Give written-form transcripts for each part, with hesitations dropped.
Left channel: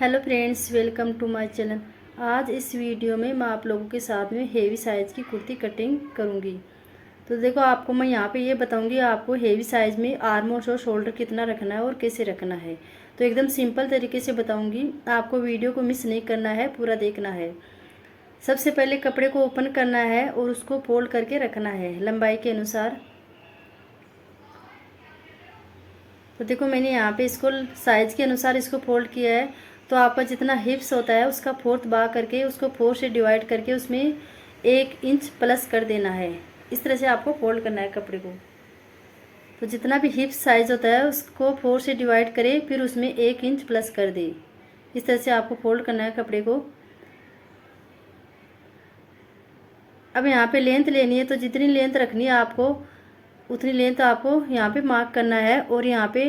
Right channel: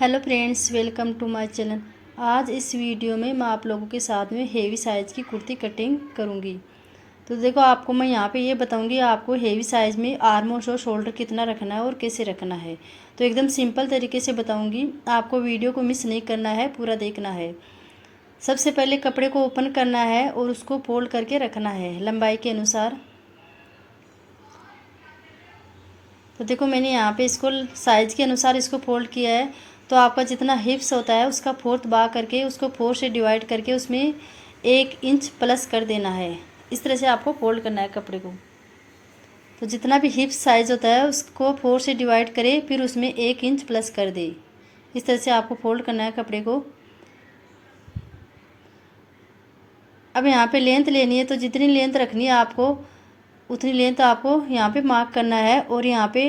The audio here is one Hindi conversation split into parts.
Hello friends, welcome to my channel. आज इस वीडियो में मैं आप लोगों के साथ में हेवी साइज़ की कुर्ती कटिंग करूंगी। तो देखो, आपको मैं यहाँ पे ये बताऊंगी आपको हेवी साइज़ में आर्म और शोल्डर कितना रखना है और कैसे रखना है। तो एकदम सिंपल तरीके से बताऊंगी, आपको वीडियो को मिस नहीं करना है, पूरा देखना है। सबसे पहले कपड़े को ओपन करना है और उसको फोल्ड करके रखना है लंबाई के अनुसार। तो देखो, मैंने यहाँ पे इसको साइज़ के अनुसार इसको फोल्ड किया है। तो आपका जितना हिप्स होता है उसका फोर्थ भाग करके उसको 4 से डिवाइड करके उसमें 1 इंच प्लस कर देना है। इस तरह से आपको फोल्ड करना है कपड़े को। तो जितना भी हिप्स साइज़ होता है उसको 4 से डिवाइड करें, फिर उसमें 1 इंच प्लस कर दे। इस तरह से आपको फोल्ड करना है कपड़े को। अब यहाँ पे लेंथ लेनी है, तो जितनी लेंथ रखनी है आपको उतनी लेंथ आपको यहाँ पे मार्क करना है। और यहाँ पे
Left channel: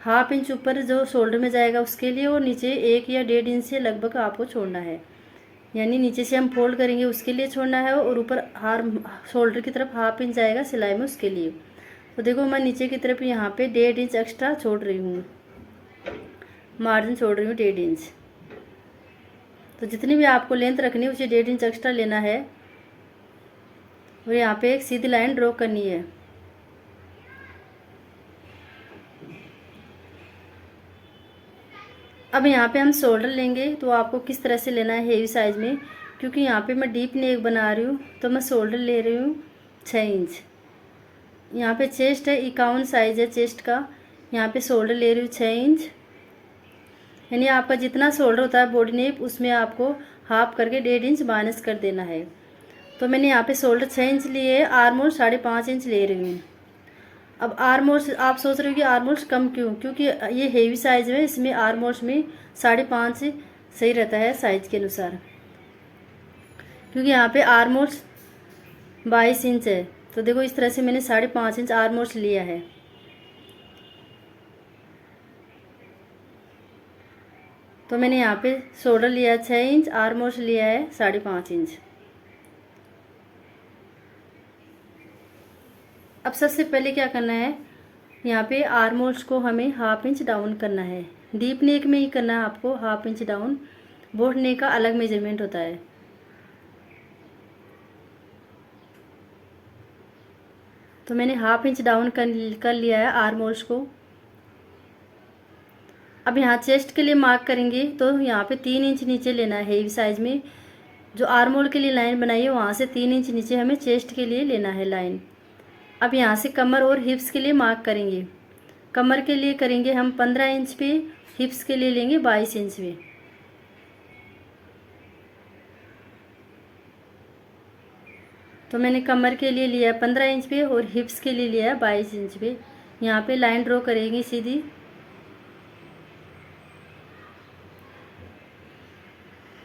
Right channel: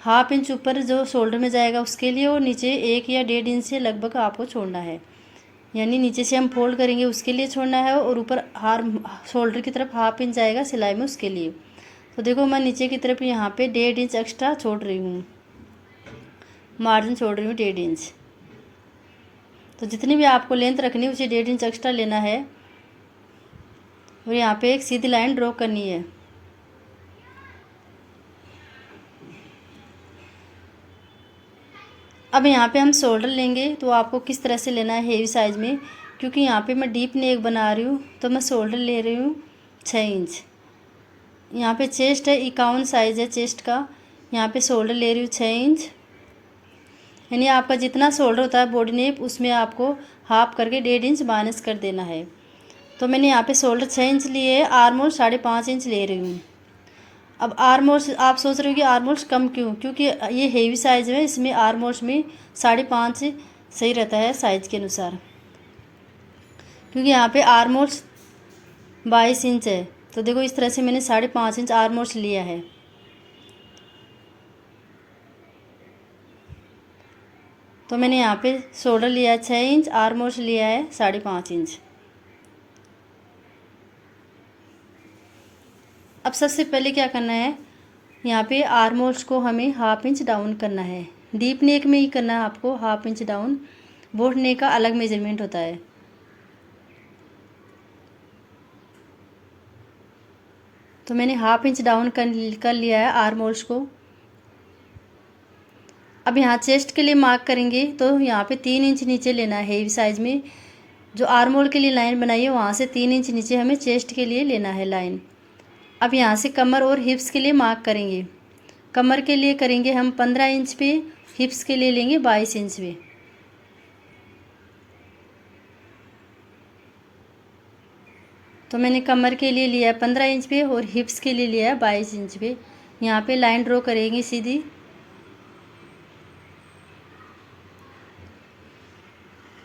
हाफ इंच ऊपर जो शोल्डर में जाएगा उसके लिए, और नीचे 1 या 1.5 इंच से लगभग आपको छोड़ना है। यानी नीचे से हम फोल्ड करेंगे उसके लिए छोड़ना है, और ऊपर शोल्डर की तरफ हाफ इंच जाएगा सिलाई में उसके लिए। तो देखो, मैं नीचे की तरफ यहाँ पे 1.5 इंच एक्स्ट्रा छोड़ रही हूँ, मार्जिन छोड़ रही हूँ 1.5 इंच। तो जितनी भी आपको लेंथ रखनी है उसे 1.5 इंच एक्स्ट्रा लेना है। और यहाँ पे एक सीधी लाइन ड्रॉ करनी है। अब यहाँ पे हम शोल्डर लेंगे, तो आपको किस तरह से लेना है हेवी साइज़ में, क्योंकि यहाँ पे मैं डीप नेक बना रही हूँ तो मैं शोल्डर ले रही हूँ 6 इंच। यहाँ पे चेस्ट है 51 साइज़ है चेस्ट का, यहाँ पे शोल्डर ले रही हूँ 6 इंच। यानी आपका जितना शोल्डर होता है बॉडी नेप उसमें आपको हाफ करके 1.5 इंच माइनस कर देना है। तो मैंने यहाँ पे शोल्डर 6 इंच लिए है, आर्मोल 5.5 इंच ले रही हूँ। अब आर्मोल्स आप सोच रहे हो कि आर्मोल्स कम क्यों, क्योंकि ये हेवी साइज़ है, इसमें आर्मोल्स में 5.5 सही रहता है साइज़ के अनुसार। क्योंकि यहाँ पे आर्मोल्स 22 इंच है, तो देखो इस तरह से मैंने 5.5 इंच आर्मोल्स लिया है। तो मैंने यहाँ पे शोल्डर लिया है 6 इंच, आर्मोल्स लिया है 5.5 इंच। अब सबसे पहले क्या करना है, यहाँ पे आर्मोल्स को हमें हाफ इंच डाउन करना है। डीप नेक में ही करना है आपको हाफ इंच डाउन, बोट नेक का अलग मेजरमेंट होता है। तो मैंने हाफ इंच डाउन कर लिया है आर्मोल्स को। अब यहाँ चेस्ट के लिए मार्क करेंगे, तो यहाँ पे 3 इंच नीचे लेना है हेवी साइज़ में। जो आर्मोल के लिए लाइन बनाई है वहाँ से 3 इंच नीचे हमें चेस्ट के लिए लेना है लाइन। अब यहाँ से कमर और हिप्स के लिए मार्क करेंगे। कमर के लिए करेंगे हम 15 इंच पे, हिप्स के लिए लेंगे 22 इंच पे। तो मैंने कमर के लिए लिया है 15 इंच पे और हिप्स के लिए लिया है 22 इंच पे। यहाँ पे लाइन ड्रॉ करेंगे सीधी।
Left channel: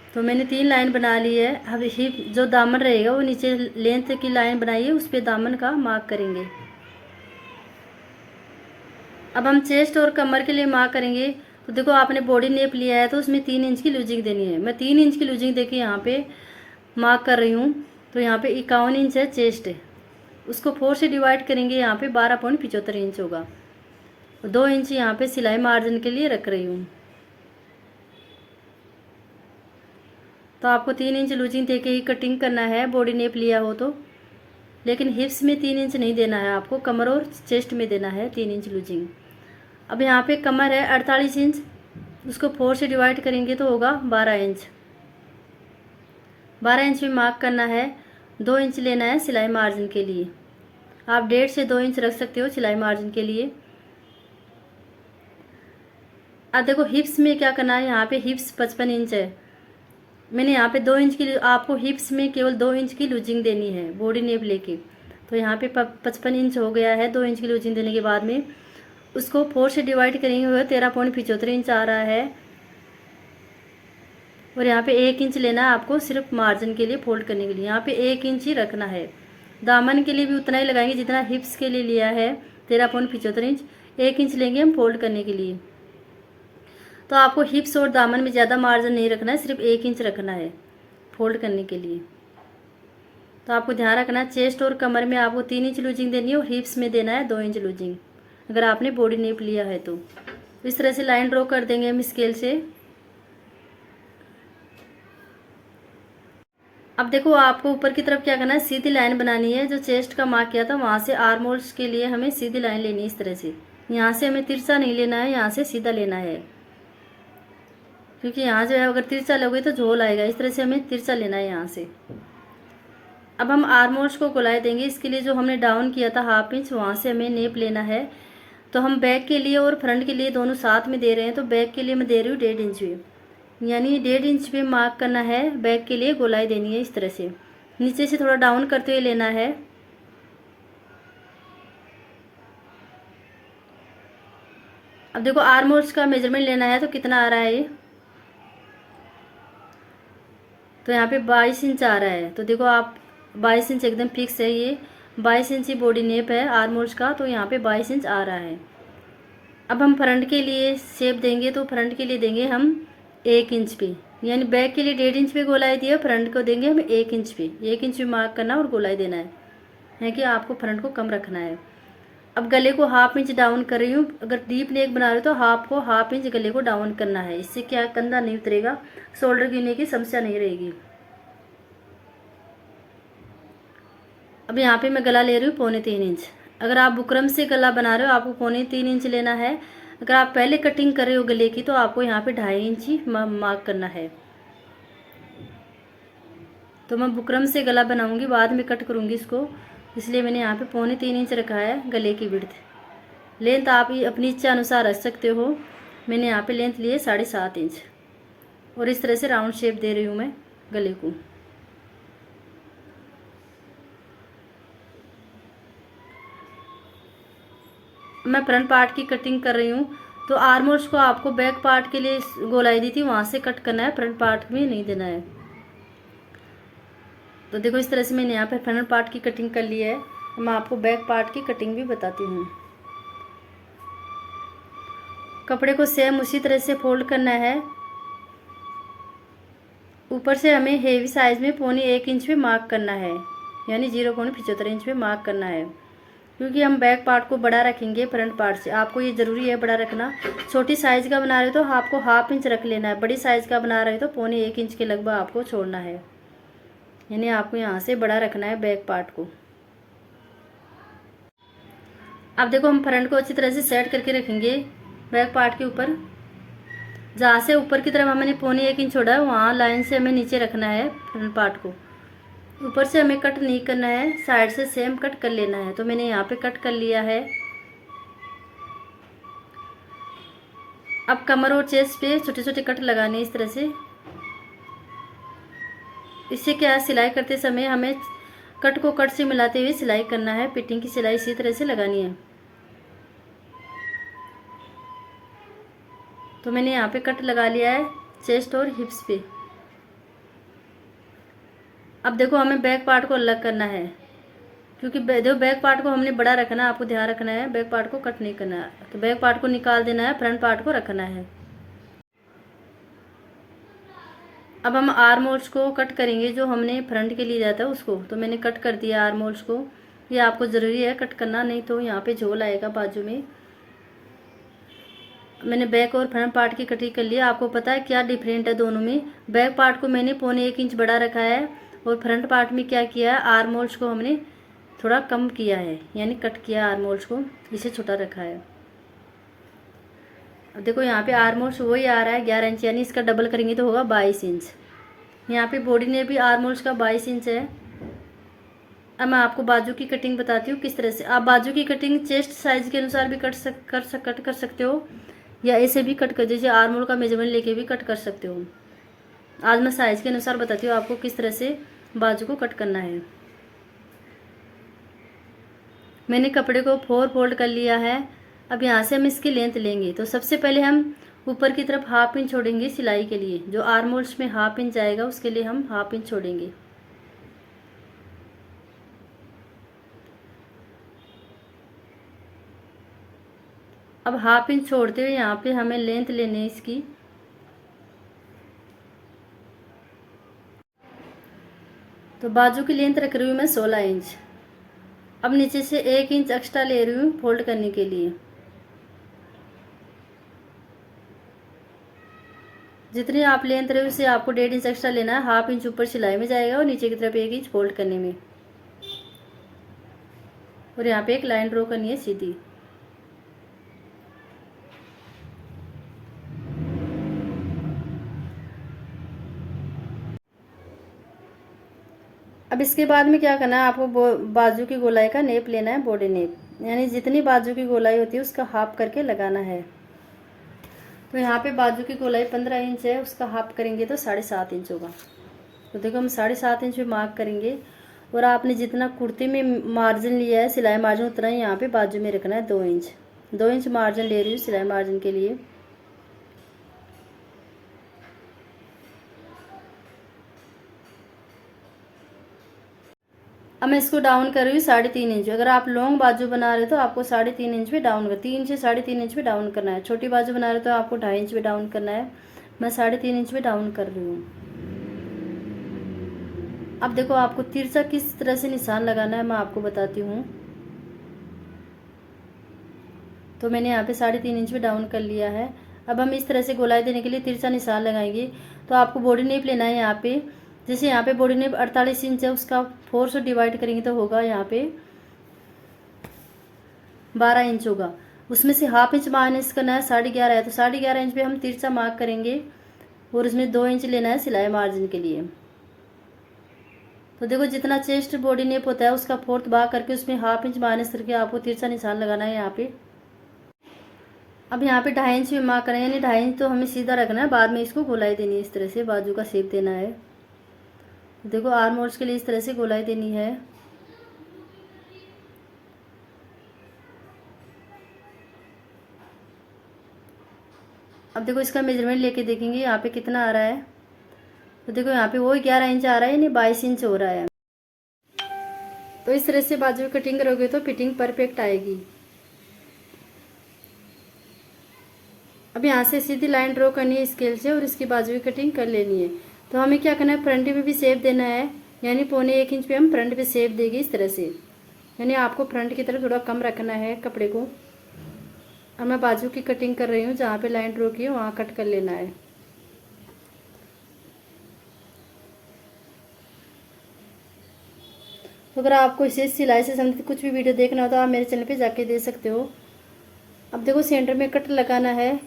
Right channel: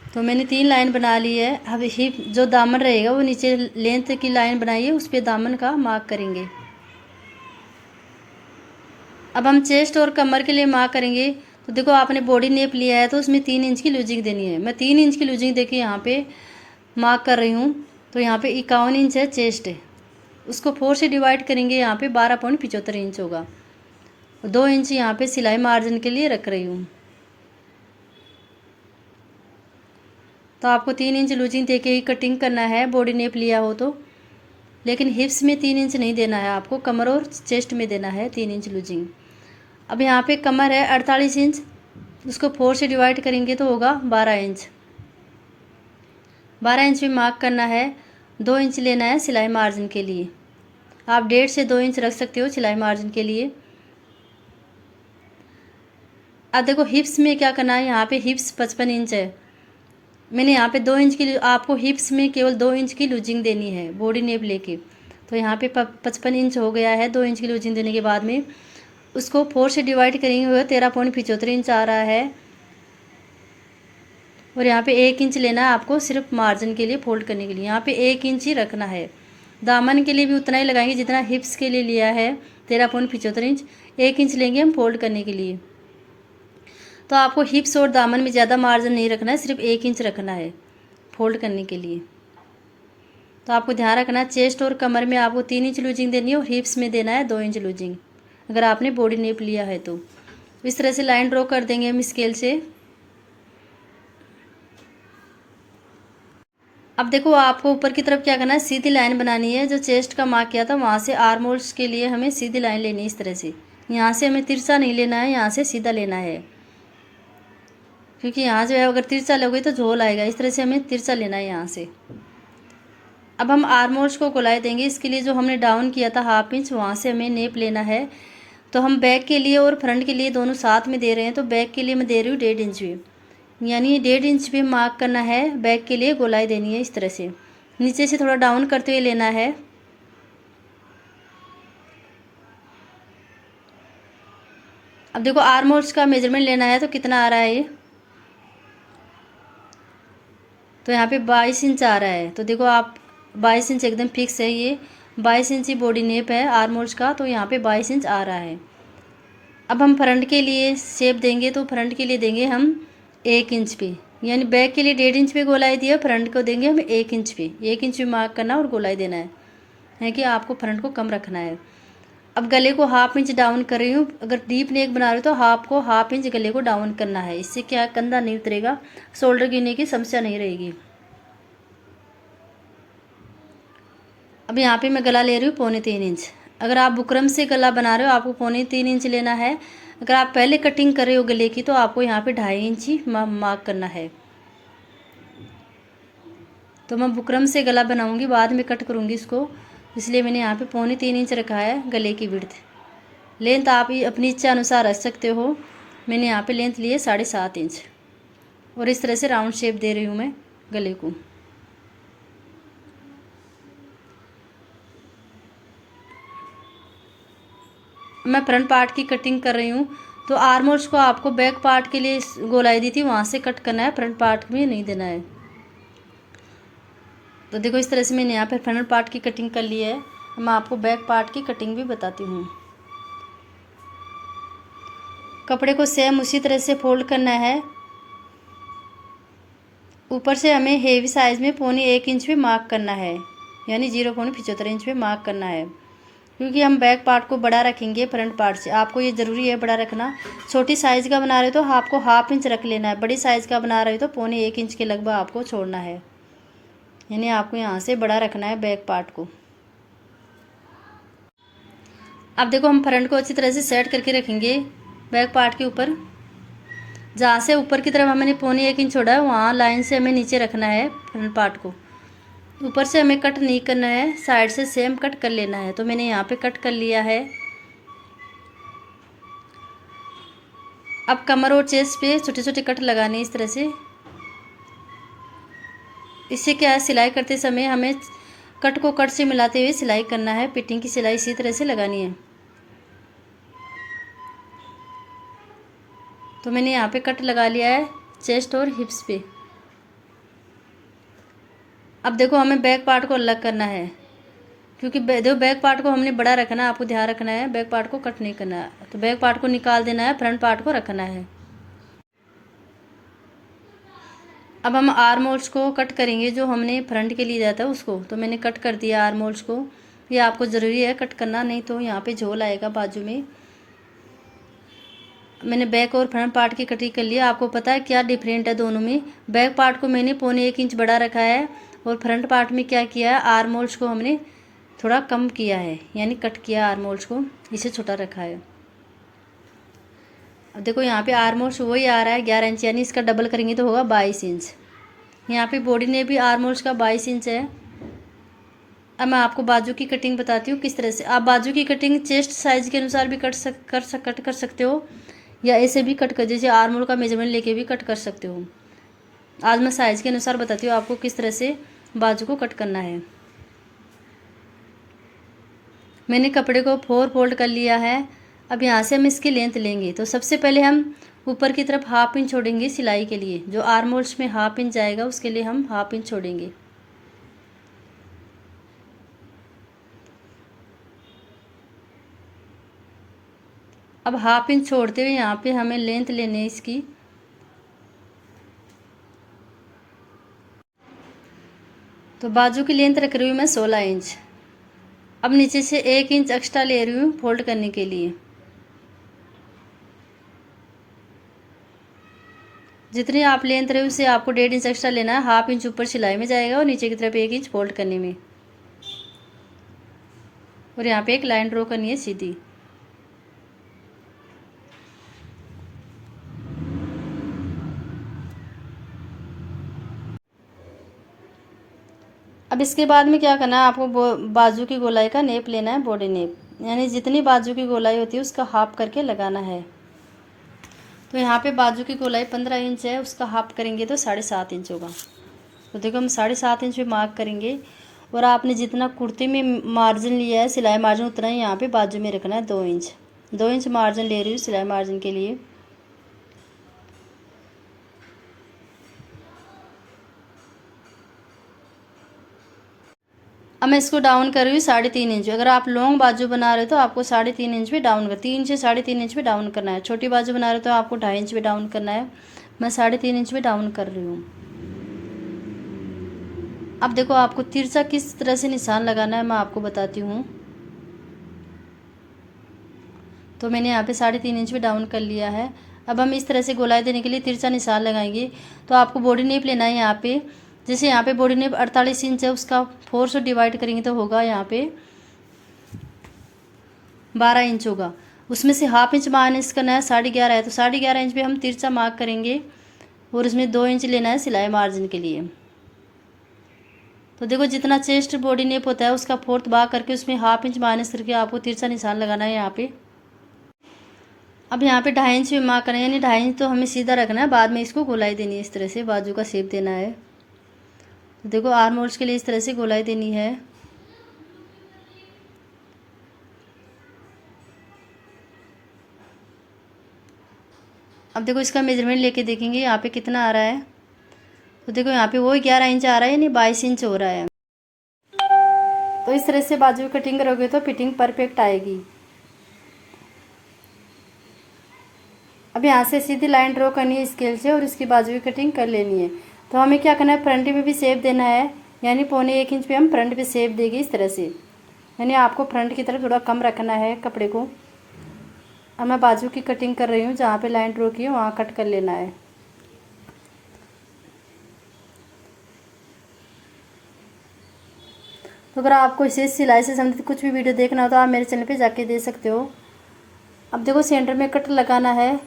तो मैंने 3 लाइन बना ली है। अब हिप जो दामन रहेगा वो नीचे लेंथ की लाइन बनाई है, उस पर दामन का मार्क करेंगे। अब हम चेस्ट और कमर के लिए मार्क करेंगे। तो देखो, आपने बॉडी नेप लिया है तो उसमें 3 इंच की लूजिंग देनी है। मैं 3 इंच की लूजिंग देखिए यहाँ पे मार्क कर रही हूँ। तो यहाँ पे 51 इंच है चेस्ट है, उसको 4 से डिवाइड करेंगे, यहाँ पे 12.75 इंच होगा। 2 इंच यहाँ पे सिलाई मार्जिन के लिए रख रही हूँ। तो आपको 3 इंच लूजिंग दे के ही कटिंग करना है बॉडी नेप लिया हो तो। लेकिन हिप्स में 3 इंच नहीं देना है आपको, कमर और चेस्ट में देना है 3 इंच लूजिंग। अब यहाँ पे कमर है 48 इंच, इसको 4 से डिवाइड करेंगे तो होगा 12 इंच। 12 इंच भी मार्क करना है। 2 इंच लेना है सिलाई मार्जिन के लिए। आप 1.5 से 2 इंच रख सकते हो सिलाई मार्जिन के लिए। अब देखो, हिप्स में क्या करना है, यहाँ पे हिप्स 55 इंच है। मैंने यहाँ पे 2 इंच की, आपको हिप्स में केवल 2 इंच की लूजिंग देनी है बॉडी नेप लेके। तो यहाँ पे 55 इंच हो गया है। 2 इंच की लूजिंग देने के बाद में उसको 4 से डिवाइड करेंगे, हुए 13.75 इंच आ रहा है। और यहाँ पे 1 इंच लेना है आपको सिर्फ मार्जिन के लिए फोल्ड करने के लिए। यहाँ पे 1 इंच ही रखना है। दामन के लिए भी उतना ही लगाएंगे जितना हिप्स के लिए लिया है 13.75 इंच। 1 इंच लेंगे हम फोल्ड करने के लिए। तो आपको हिप्स और दामन में ज़्यादा मार्जिन नहीं रखना है, सिर्फ 1 इंच रखना है फोल्ड करने के लिए। तो आपको ध्यान रखना है, चेस्ट और कमर में आपको 3 इंच लूजिंग देनी है और हिप्स में देना है 2 इंच लूजिंग, अगर आपने बॉडी नेप लिया है तो। इस तरह से लाइन ड्रॉ कर देंगे हम स्केल से। अब देखो आपको ऊपर की तरफ क्या करना है, सीधी लाइन बनानी है। जो चेस्ट का मार्क किया था वहाँ से आर्म होल्स के लिए हमें सीधी लाइन लेनी है इस तरह से। यहाँ से हमें तिरछा नहीं लेना है, यहाँ से सीधा लेना है, क्योंकि यहाँ से अगर तिरछा लोगे तो झोल आएगा। इस तरह से हमें तिरछा लेना है यहाँ से। अब हम आर्म होल्स को गोलाई देंगे। इसके लिए जो हमने डाउन किया था 1/2 इंच, वहाँ से हमें नेप लेना है। तो हम बैक के लिए और फ्रंट के लिए दोनों साथ में दे रहे हैं। तो बैक के लिए मैं दे रही हूँ 1.5 इंच भी, यानी 1.5 इंच पे मार्क करना है। बैक के लिए गोलाई देनी है इस तरह से, नीचे से थोड़ा डाउन करते हुए लेना है। अब देखो आर्म होल्स का मेजरमेंट लेना है तो कितना आ रहा है ये, तो यहाँ पे 22 इंच आ रहा है। तो देखो आप 22 इंच एकदम फिक्स है। ये 22 इंच ही बॉडी नेप है आर्म होल्स का, तो यहाँ पे 22 इंच आ रहा है। अब हम फ्रंट के लिए शेप देंगे, तो फ्रंट के लिए देंगे हम 1 इंच पे, यानी बैक के लिए 1.5 इंच पे गोलाई दिया, फ्रंट को देंगे हम 1 इंच पे। 1 इंच पे मार्क करना और गोलाई देना है कि आपको फ्रंट को कम रखना है। अब गले को 1/2 इंच डाउन कर रही हूँ। अगर डीप नेक बना रही हो तो 1/2 इंच गले को डाउन करना है। इससे क्या कंधा नहीं उतरेगा, शोल्डर गिरने की समस्या नहीं रहेगी। अब यहाँ पे मैं गला ले रही हूँ 3.25 इंच। अगर आप बुकरम से गला बना रहे हो आपको 3.25 इंच लेना है। अगर आप पहले कटिंग कर रहे हो गले की तो आपको यहाँ पे 2.5 इंच ही मार्क करना है। तो मैं बुकरम से गला बनाऊंगी, बाद में कट करूंगी इसको, इसलिए मैंने यहाँ पे 3.25 इंच रखा है गले की विड्थ। लेंथ आप अपनी इच्छा अनुसार रख सकते हो। मैंने यहाँ पे लेंथ ली है 7.5 इंच, और इस तरह से राउंड शेप दे रही हूँ मैं गले को। मैं फ्रंट पार्ट की कटिंग कर रही हूँ। तो आर्म होल्स को आपको बैक पार्ट के लिए गोलाई दी थी, वहाँ से कट करना है, फ्रंट पार्ट में नहीं देना है। तो देखो इस तरह से मैंने यहाँ पर फ्रंट पार्ट की कटिंग कर ली है। मैं आपको बैक पार्ट की कटिंग भी बताती हूँ। कपड़े को सेम उसी तरह से फोल्ड करना है। ऊपर से हमें हेवी साइज़ में 1.25 इंच पे मार्क करना है, यानी 0.75 इंच पे मार्क करना है, क्योंकि हम बैक पार्ट को बड़ा रखेंगे फ्रंट पार्ट से। आपको ये ज़रूरी है बड़ा रखना। छोटी साइज़ का बना रहे हो तो आपको 1/2 इंच रख लेना है, बड़ी साइज़ का बना रहे हो तो 1.25 इंच के लगभग आपको छोड़ना है, यानी आपको यहाँ से बड़ा रखना है बैक पार्ट को। अब देखो हम फ्रंट को अच्छी तरह से सेट करके रखेंगे बैक पार्ट के ऊपर। जहाँ से ऊपर की तरफ हमने 1.25 इंच छोड़ा है वहाँ लाइन से हमें नीचे रखना है फ्रंट पार्ट को। ऊपर से हमें कट नहीं करना है, साइड से सेम कट कर लेना है। तो मैंने यहाँ पे कट कर लिया है। अब कमर और चेस्ट पे छोटे छोटे कट लगाने इस तरह से। इससे क्या है, सिलाई करते समय हमें कट को कट से मिलाते हुए सिलाई करना है। फिटिंग की सिलाई इसी तरह से लगानी है। तो मैंने यहाँ पे कट लगा लिया है चेस्ट और हिप्स पे। अब देखो हमें बैक पार्ट को अलग करना है, क्योंकि देखो बैक पार्ट को हमने बड़ा रखना है, आपको ध्यान रखना है, बैक पार्ट को कट नहीं करना है। तो बैक पार्ट को निकाल देना है, फ्रंट पार्ट को रखना है। अब हम आर्म होल्स को कट करेंगे, जो हमने फ्रंट के लिए दिया था उसको। तो मैंने कट कर दिया आर्म होल्स को। ये आपको ज़रूरी है कट करना, नहीं तो यहाँ पे झोल आएगा बाजू में। मैंने बैक और फ्रंट पार्ट की कटिंग कर लिया। आपको पता है क्या डिफरेंट है दोनों में। बैक पार्ट को मैंने 1.25 इंच बड़ा रखा है, और फ्रंट पार्ट में क्या किया है, आर्म होल्स को हमने थोड़ा कम किया है, यानी कट किया आर्म होल्स को, इसे छोटा रखा है। अब देखो यहाँ पे आर्म होल्स वही आ रहा है 11 इंच, यानी इसका डबल करेंगे तो होगा 22 इंच। यहाँ पे बॉडी ने भी आर्म होल्स का 22 इंच है। अब मैं आपको बाजू की कटिंग बताती हूँ किस तरह से। आप बाजू की कटिंग चेस्ट साइज़ के अनुसार भी कट कर सकते हो, या ऐसे भी कट कर, जैसे आर्म होल का मेजरमेंट लेके भी कट कर सकते हो। आज मैं साइज़ के अनुसार बताती हूँ आपको किस तरह से बाजू को कट करना है। मैंने कपड़े को 4 फोल्ड कर लिया है। अब यहाँ से हम इसकी लेंथ लेंगे। तो सबसे पहले हम ऊपर की तरफ 1/2 इंच छोड़ेंगे सिलाई के लिए। जो आर्म होल्स में 1/2 इंच जाएगा उसके लिए हम 1/2 इंच छोड़ेंगे। अब 1/2 इंच छोड़ते हुए यहाँ पे हमें लेंथ लेनी है इसकी। तो बाजू की लेंथ रख रही हूँ मैं 16 इंच। अब नीचे से 1 इंच एक्स्ट्रा ले रही हूँ फोल्ड करने के लिए। जितनी आप लेंथ रहे उससे आपको 1.5 इंच एक्स्ट्रा लेना है। 1/2 इंच ऊपर सिलाई में जाएगा और नीचे की तरफ 1 इंच फोल्ड करने में, और यहाँ पे एक लाइन ड्रॉ करनी है सीधी। अब इसके बाद में क्या करना है, आपको बाजू की गोलाई का नेप लेना है, बॉडी नेप, यानी जितनी बाजू की गोलाई होती है उसका हाफ करके लगाना है। तो यहाँ पे बाजू की गोलाई 15 इंच है, उसका हाफ करेंगे तो 7.5 इंच होगा। तो देखो हम 7.5 इंच पे मार्क करेंगे, और आपने जितना कुर्ती में मार्जिन लिया है सिलाई मार्जिन उतना ही यहाँ पे बाजू में रखना है। 2 इंच 2 इंच मार्जिन ले रही हूँ सिलाई मार्जिन के लिए। अब मैं इसको डाउन कर रही हूँ 3.5 इंच। अगर आप लॉन्ग बाजू बना रहे हो तो आपको 3.5 इंच पे डाउन कर, 3 से 3.5 इंच पे डाउन करना है। छोटी बाजू बना रहे हो तो आपको 2.5 इंच पे डाउन करना है। मैं 3.5 इंच पे डाउन कर रही हूँ। अब देखो आपको तिरछा किस तरह से निशान लगाना है मैं आपको बताती हूँ। तो मैंने यहाँ पे 3.5 इंच पे डाउन कर लिया है। अब हम इस तरह से गोलाई देने के लिए तिरछा निशान लगाएंगे। तो आपको बॉडी नेप लेना है यहाँ पे, जैसे यहाँ पे बॉडी नेप 48 इंच है, उसका 4 से डिवाइड करेंगे तो होगा यहाँ पे 12 इंच होगा। उसमें से 1/2 इंच माइनस करना है, 11.5 है, तो 11.5 इंच पे हम तिरछा मार्क करेंगे, और उसमें 2 इंच लेना है सिलाई मार्जिन के लिए। तो देखो जितना चेस्ट बॉडी नेप होता है उसका 4th भाग करके उसमें 1/2 इंच माइनस करके आपको तिरछा निशान लगाना है यहाँ पे। अब यहाँ पे 2.5 इंच में मार्क करेंगे, यानी 2.5 इंच तो हमें सीधा रखना है, बाद में इसको गोलाई देनी है, इस तरह से बाजू का शेप देना है। तो देखो आर्म होल्स के लिए इस तरह से गोलाई देनी है। अब देखो इसका मेजरमेंट लेके देखेंगे यहाँ पे कितना आ रहा है। तो देखो यहाँ पे वो 11 इंच आ रहा है, यानी 22 इंच हो रहा है। तो इस तरह से बाजू की कटिंग करोगे तो फिटिंग परफेक्ट आएगी। अब यहाँ से सीधी लाइन ड्रॉ करनी है स्केल से, और इसकी बाजू की कटिंग कर लेनी है। तो हमें क्या करना है, फ्रंट पे भी शेप देना है, यानी 1.25 इंच पे हम फ्रंट पे शेप देंगे इस तरह से, यानी आपको फ्रंट की तरफ थोड़ा कम रखना है कपड़े को। अब मैं बाजू की कटिंग कर रही हूँ, जहाँ पे लाइन ड्रॉ की है वहाँ कट कर लेना है। तो अगर आपको इसे सिलाई से संबंधित कुछ भी वीडियो देखना हो तो आप मेरे चैनल पे जाके दे सकते हो। अब देखो सेंटर में कट लगाना है,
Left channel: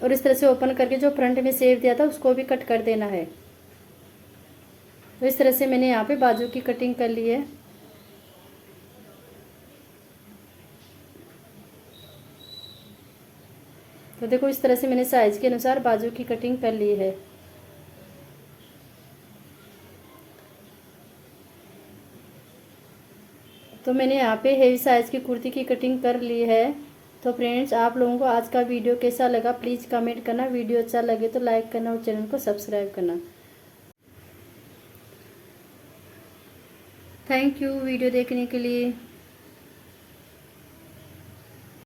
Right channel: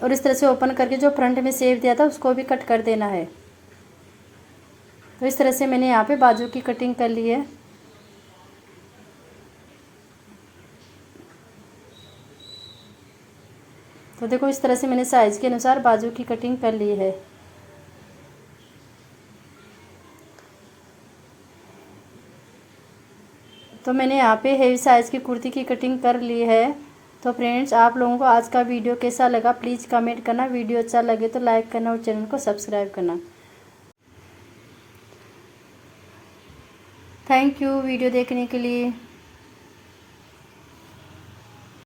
और इस तरह से ओपन करके जो फ्रंट में शेप दिया था उसको भी कट कर देना है। तो इस तरह से मैंने यहाँ पे बाजू की कटिंग कर ली है। तो देखो इस तरह से मैंने साइज के अनुसार बाजू की कटिंग कर ली है। तो मैंने यहाँ पे हेवी साइज़ की कुर्ती की कटिंग कर ली है। तो फ्रेंड्स आप लोगों को आज का वीडियो कैसा लगा प्लीज़ कमेंट करना। वीडियो अच्छा लगे तो लाइक करना और चैनल को सब्सक्राइब करना। थैंक यू वीडियो देखने के लिए।